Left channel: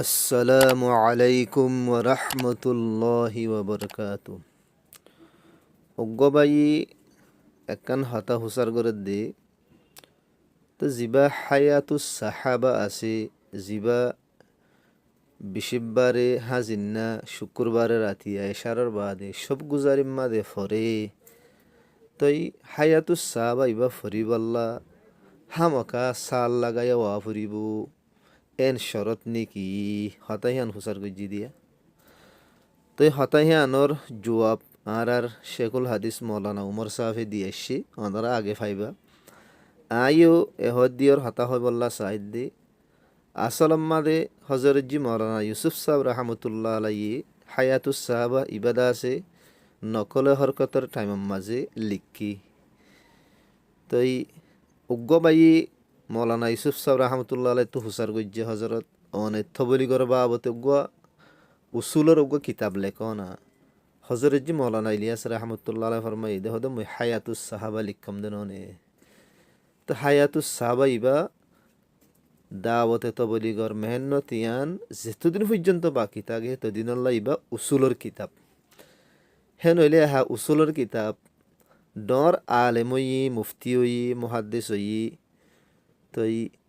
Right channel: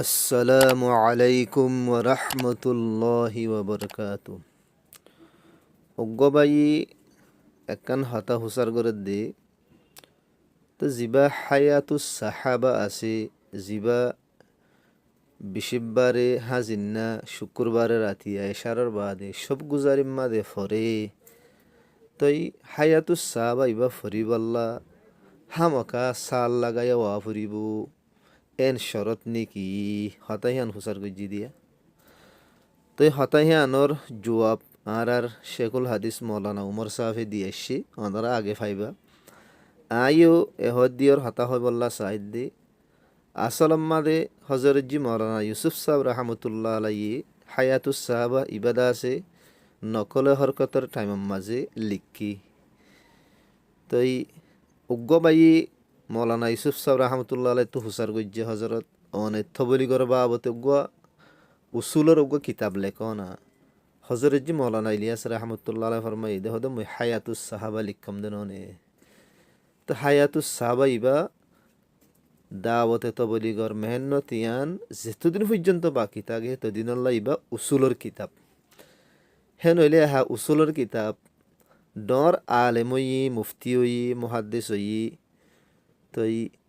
আসসালামু আলাইকুম ওয়া রাহমাতুল্লাহি ওয়া বারাকাতু। অজ্ঞবাই একখান হাতা হুসার করে দে তো জিবা হায়াতুস সাহাবা আছে জিবা বিশিববারে হাজিন্না শুক্রবারে রাতি এশারর বাদে সব গুজারিম মাদে ফরে তই হায়াতুস সাহাবা ইবা ফরিবাল্লা হামকা সাল লাগাইয়া ওয়া ফুরিব এন শরত নেকি হতাইহান হুসার গজ্জি দিয়া তো হতাহি আনর জুয়াব আর শেখুল হাদিস মৌলানা উমর সাহেবে দিয়ে এসছি ওনারা আগে ফাইবা আইও এহদ দিয়র হতা হয় বল্লা সাহিদ দি আসলম্মাদে হজরতজি মৌলানা ইউসুফ সাহেব রহমতুল্লাহ আলাই হায়াতুস সাহাবা ইবাদা আছে নকলে হরকতর টাইমের মাঝে লিখি তই উগ্গবাই মৌলানা ইউসুফ সাহেব রহমতুল্লাহ আলাই তো হুসার গজ্জে হজরত অনেক থবলি করবা আবতে উগ্গা উসুলের উগ্গা কিতাব লেখ না হজরতজি মৌলানা ইলিয়াস রহমতুল্লাহ আলাই ফরমাই দে হদ মুই হায়াতুস সাহাবা লিখম দেননে তো হায়াতুস সাহাবা ইবা দাওয়াতে তবলিগর মেহনত ইয়ান যেতদিন পর্যন্ত বাকি থাকে তদিনল্লা ইবা উসুলের কিতাব হেন হইলে হা উসুলের কিতাব ডর আলেমই মুফতি হই মুহাদ্দিস হই তো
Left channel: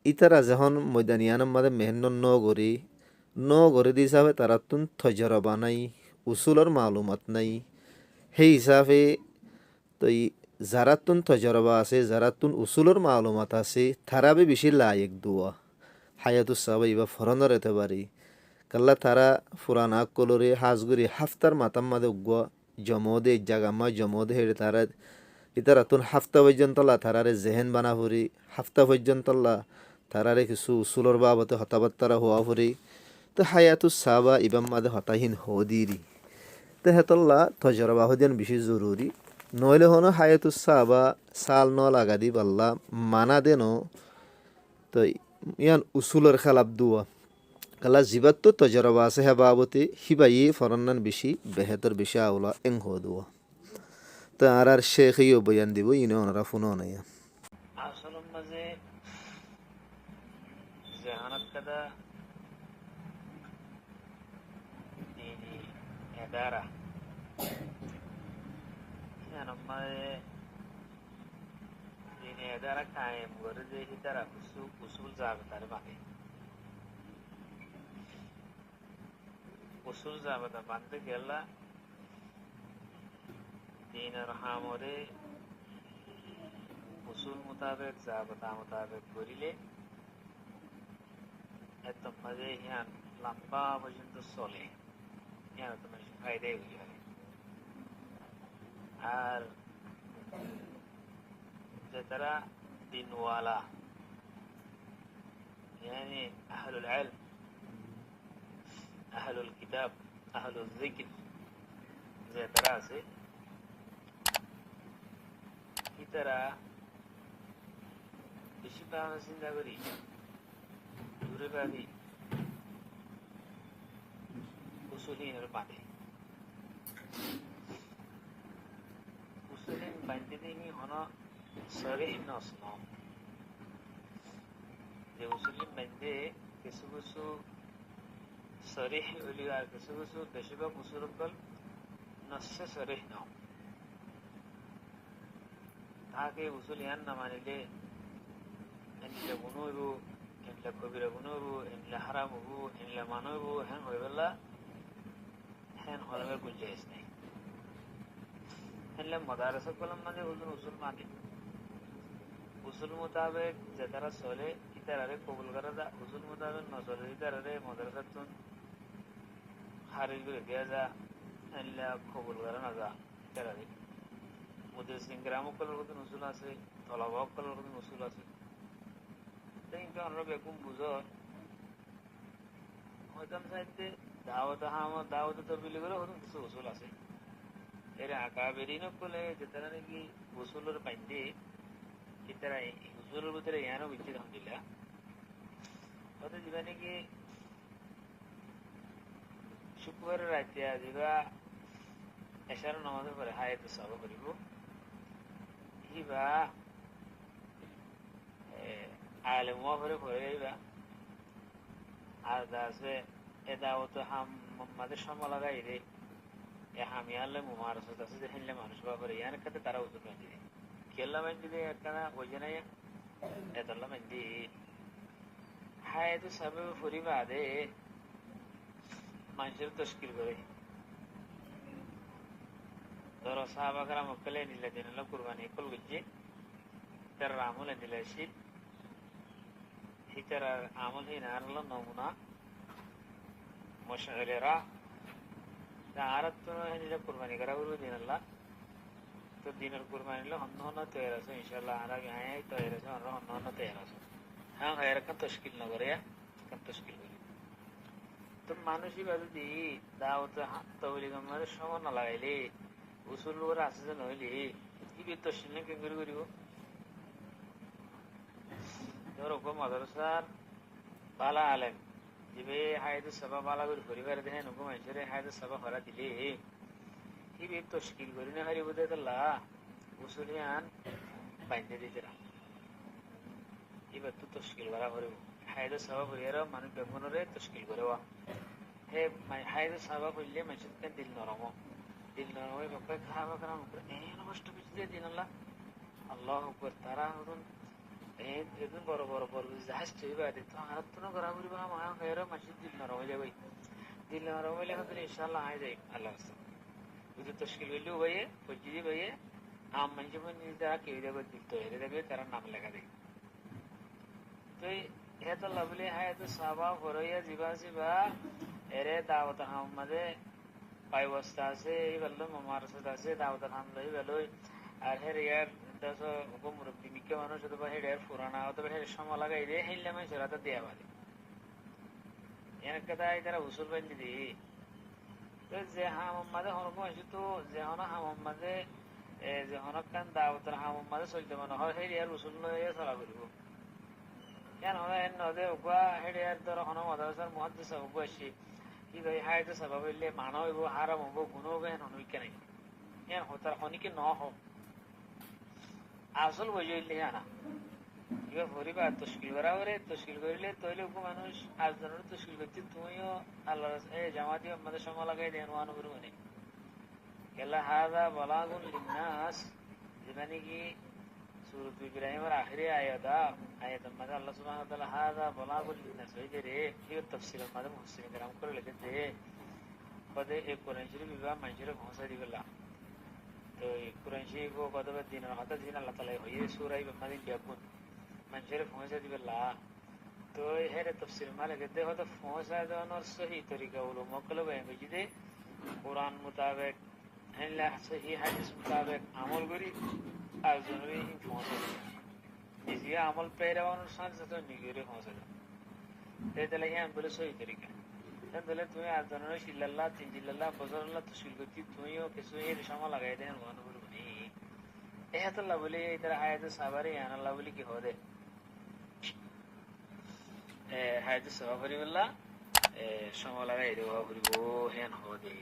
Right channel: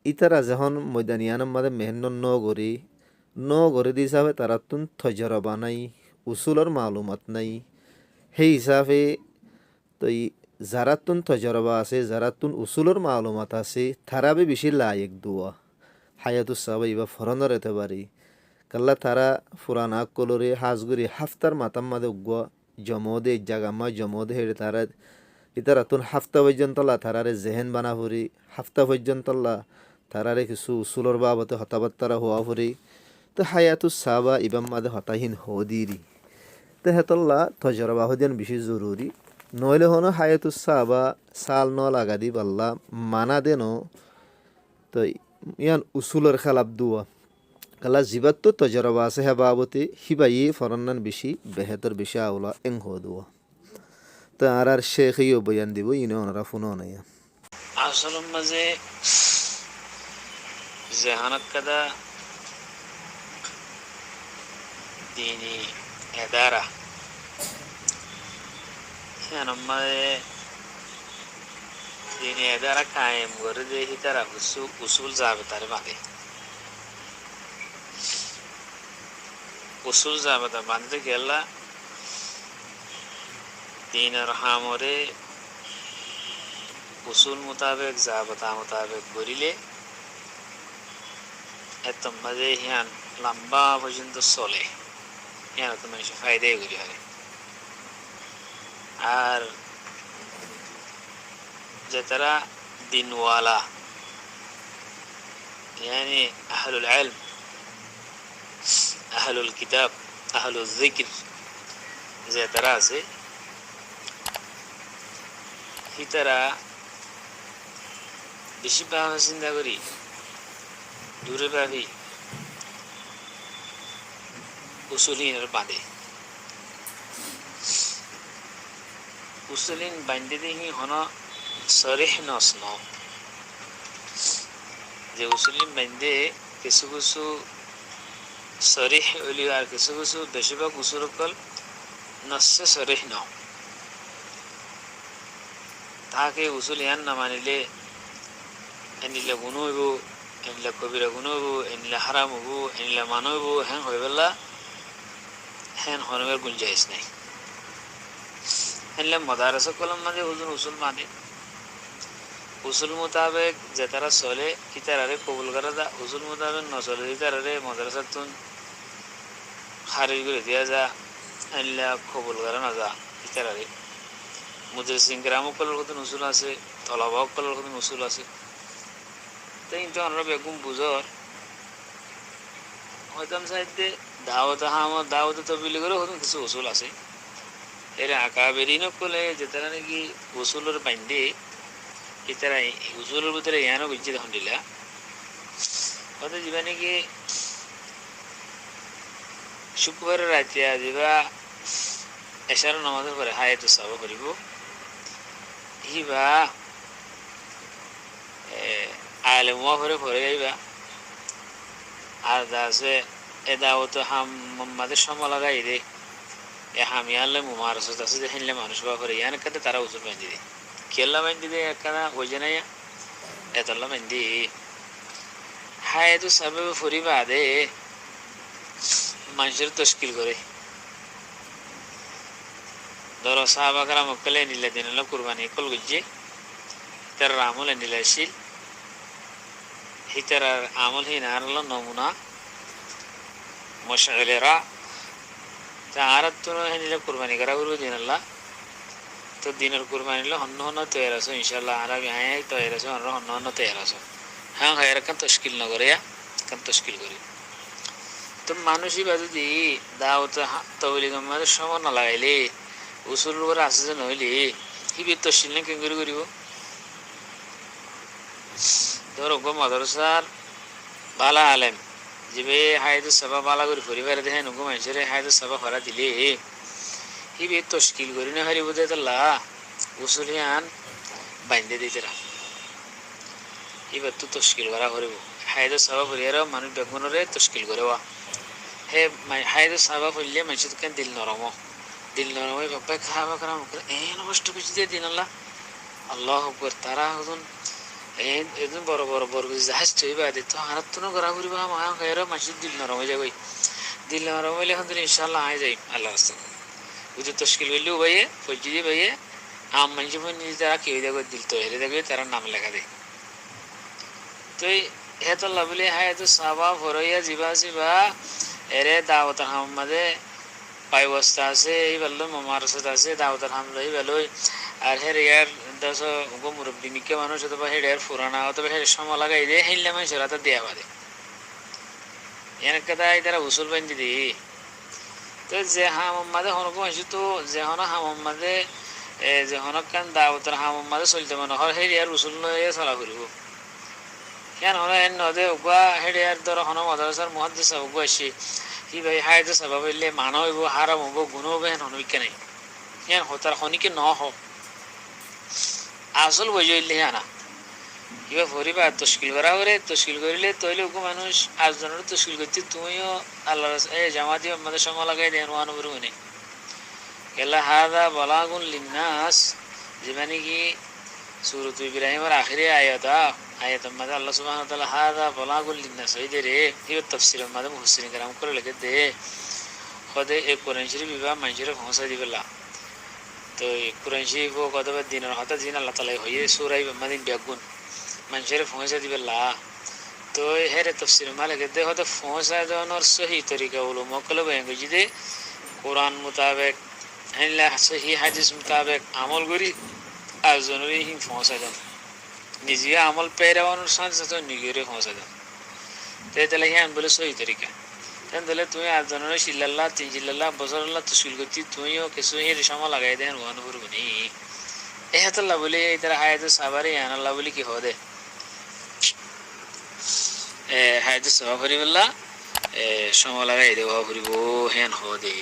ইতারা যখন ময়দানিয়ানের মাঝে মেহনত ন গড়ি দি হিসাবে তারা তুন তজরবা নাই উসুলের মালুমাত নাই সেই হিসাবে তো যারা তুন তজরবা আছে যারা তুন উসুলের মালুমাত আছে তারা বেশি লায়ক দুয়া হায়াতুস সাহাবা ইবা ফরনর এতে পারি কাল্লা তারা ফুরান কলরে হাজগুড়ি হাফতার মাতাম মাদে উগুয়া জমদে জাগামা জমদে হেড়ে তারা ইতারা তুন হাফতা পর্যন্তলা তারারে জেহেন বানা ফুরি হাফতা পর্যন্তলা তারারে কিছু উসুলর বাবতে হতাবাত্তারা হওয়া ফুরি তো হায়াতুস সাহাবা ইবাম মাদে হতাহীন হদিরি তো হেতল্লা তজরবা হদিয়ান বেশি জরুরি নইলে হনো হায়াতুস সাহাবা সাল ন লাগা দি পাল্লা মানা দেন তো ইয়ান উসুলের খেলাপ দুয়া কালা জিবাত তো তজরবা আছে হে বাবতে হিবাই ফরন্নান বেশি বেহেতর বেশি আওলা এং হো দুয়া তো আর শেখ ইও বয়ান দিব ইনে ওনারা ফোন নাই আসলের মাঝে জেহানত কাদা দিনী এদারা মাঝে দিনী এদারা কায়েম করে দিয়ে তারা উসুল যাবে তার বাঁধে উসুল যাবে তার বাঁধতে গেলা দিনের হামরে উসুল মোতাবেক জাবতা মোতাবেক করিলে এত মাঝে হিয়ান লম্বা পর্যন্ত চলে হিয়ান তো মানুষ ফায়দাই করি হয় আর যে তারা দিনওয়ালা يعني أهل العلم أهل الكتاب أهل الذكر যে তারা আছে তারা বেশিরভাগ চিন্তা করি দূরে ভাবি উসুলিনের বাঁধে উসুলিন বাঁধে দেখি হন সরিহ নসন যে উসুলিন বাঁধে কিছু কিছু সরিহ হইলি আর কিছু কিছু বেশিরভাগ উসুলকল নসে সরিহ ন তাকে উসুল ইয়ান না মানিলে এনিলে গুণ হইব এনিলে কবিরা গুণ হইব এনিলে হারাম হইব এনিলে মান হইব হ্যাঁ হয়ে পেলা হ্যাঁ হরমের গুঞ্জাইশ নাই এনিলে মদারস কলম মাঝে হুজুর উসুল মানে উসুল মোতাবেক যে তারা চলে ইতারারে কবুল করা যা উসুল মোতাবেক নচলে ইতারারে মদারসার তুন খারিজ করে দিয়া যা এনিলে কবুল করা না যা ইতারারে মুদরিসিন গ্রামক কলার কত উসুল আছে তলাবাক কলার কত উসুল আছে তাই তো আমরা বেগুম বুঝর হয়তো সাহিত্যে দাওয়াত হামদ দাওয়াত তবিলি করে হয়তো কিছু উসুল আছে এর আঁকা বেরিয়ে নকলে যে তারা নাকি উসুলের বান্ধে এতারা উসুলের ভিতরে ইয়ানো বুঝছে তখন দিলা হয়তো যা নাকি শুক্রবারের রাতে যা এশার নামাজের পরে হায়াতুস সাহাবা করিব হিবা আলেমা করে পড়ে যাইবা আর আছে এ দাওয়াত হাম মাদের সময় লাগাই দে এ হামি আনলে মুমারসত আছে যে হিনলে মানুষ বা করে ইয়ান কাতে তারা উজুল বান্ধি দে কেল্লা বান্ধি দে একখানা ওই না এতল্লা বান্ধি হায় তো সবে ফুরি বাদে মানুষের তশকিল করে ধরো সাহাবাকরা মক্কালে নিলে দিন কুরবানি কল গুজে তার আমলে নিলেছিল হিতার আমল হি নারল নমুনা মশালেরা তা আরাত নিলে কুরবানি করা গুরু দিন আল্লাহ তো দিনের কুরবানি লো হন্ন হন্ন তৈরি আছো ইনশাল্লাহ আরবি আয় তৈরি আছো হন্ন হন্ন তৈরি আছো হ্যাঁ হয় এরকম তশকিল না করে কাম তশকিল করি তো মানুষই বা যদি দাওয়াত তবলি গম্মাদের সময় না লাগাইলে উসুল করে আসে যে নইলে হিবির তশকিল না কেন করে করিব ধরো গো মাদ্রাসার বালা আলেম যে হায়দু সভা বালা করে পরিবার দেখেন গো মানুষের হায়দু সভা ভরা দিলে হিবির তশকিল করি না হারিব দে তাল্লা উসুল আন বাইন্দে দিতে এবার তো তশকিল করা করিব হায়দু সভা পরিবার মানুষ বেগুনরে তশকিল করে হে হায়দু সভা পড়লে মানুষ কেন দিল নরম ওই বাপ্পায় খাওয়া খারাপ করে এই নষ্ট কিছু দিয়ে দিন আল্লাহ আল্লাহ আকবার তারা হতুন একদম বড় বড় বড় জাহাজ তৈবা দিত হারাত তো করা করিবা মা খাইর মানুষের দিল নরম হয়ে যাবে দিল নরম হইলে এখন ইনশাল্লাহ আয় যাই আল্লাহ রাস্তা বুঝে তশকিল করলেও ভাইয়ে ফৌজি দিয়ে ভাইয়ে আম মানুষ নিজে তারা কেউ দেখবে দিল তো হেরে দেখবে তারা নাম লেখা দেয় তো হে তো লাভলি হায় তো সাবা ভরইয়া জিবা এরে দাওয়াত হামমাদে পাই বস্তা আছে এই বেলো মামারসত আছে দাওয়াত হাম লই বেলোই আর হের ইয়ার দশ গো মুরব্বী মিকে মানুষ অথবা হের ইয়ার ফুরানা অথবা হের সময় লাগাই দে হেললে মানুষ রাতে দেয়া বাদে এর কথা তারা উসুল বান্ধি দি তো যে হামাদে হনক মানুষ তো যে হন হামাদে যে হনক কান দাওয়াতের হামাদে চলতে মনে হয় হের ইয়ার উসুল লয়ে চলা করিব কেন হলো এর নদে উগা হের ইয়ার ধর হন মাদ্রাসার মুহাদ্দিস উগা আসি কি ভাই হায় তো সবাব হইলে মানা হইব হারাম হইব গুণ হইব হেন হনবিকে নাই হেন হতার হনিকে ন হোক আসল বই হইলে আনা এবার পরিবার তশকিল করা করে তশকিল করিলে তৈলে ওকে মানুষ আজজনের তশকিল করতে তুমিও আল্লাহ জামাতি আমাদের সময় লাগাই দেন ওয়ানুবর উনি কেলা হাদা বলাগুন লিন্নাস যে মানে কি সুরত ইব্রাহিমের আখিরে আয়াত আমাদের আল্লাহ সুবহানাহু ওয়া তাআলা হাদা বলাগুন লিন্নাস এই রে এবার তাফসীর আমাদের মুফাসসিরিন کرام করে লিখে দে খোদে এই কোরআন শরীফ বিবা মানুষের পৌঁছা দিবেলা তো এই কোরআন শরীফ কতবার দিনের হঠাৎ দিন আল্লাহ তাআলা হইয়ে সূরা মাদিন ব্যাগুন মানুষের পৌঁছা দিবেলা তো হেরে তফসির মালিক দে হতে পৌঁছা দেওয়ানোর সহি তরিকা হলো মকলব হয়ে দে কোরআন মোতাবেক হেনলা সহি হাদিস মোতাবেক আমল করি আর জনরে হি পৌঁছা দেন নিজে আমল পেরানোর সাথে সাথে নিজেরে পৌঁছা দেন তাহলে হ্যাঁ বলে সহি তরিকা তাহলে তুমি আর জনরে শিল্লাল্লাহ তিন জিল্লাল্লাহ বজরাল্লাহ তশকিল করছি তুমিও কিছু হের সময় লাগাই দেন ওয়ান করবনি এ হাতাল্লাহ বলে এই তারা হায়াত সাবারে আনাল্লাহ বলে কি হদে হায়াত সাবা করিবল্লা সময় লাগাই দেওয়া করিব হেন হদে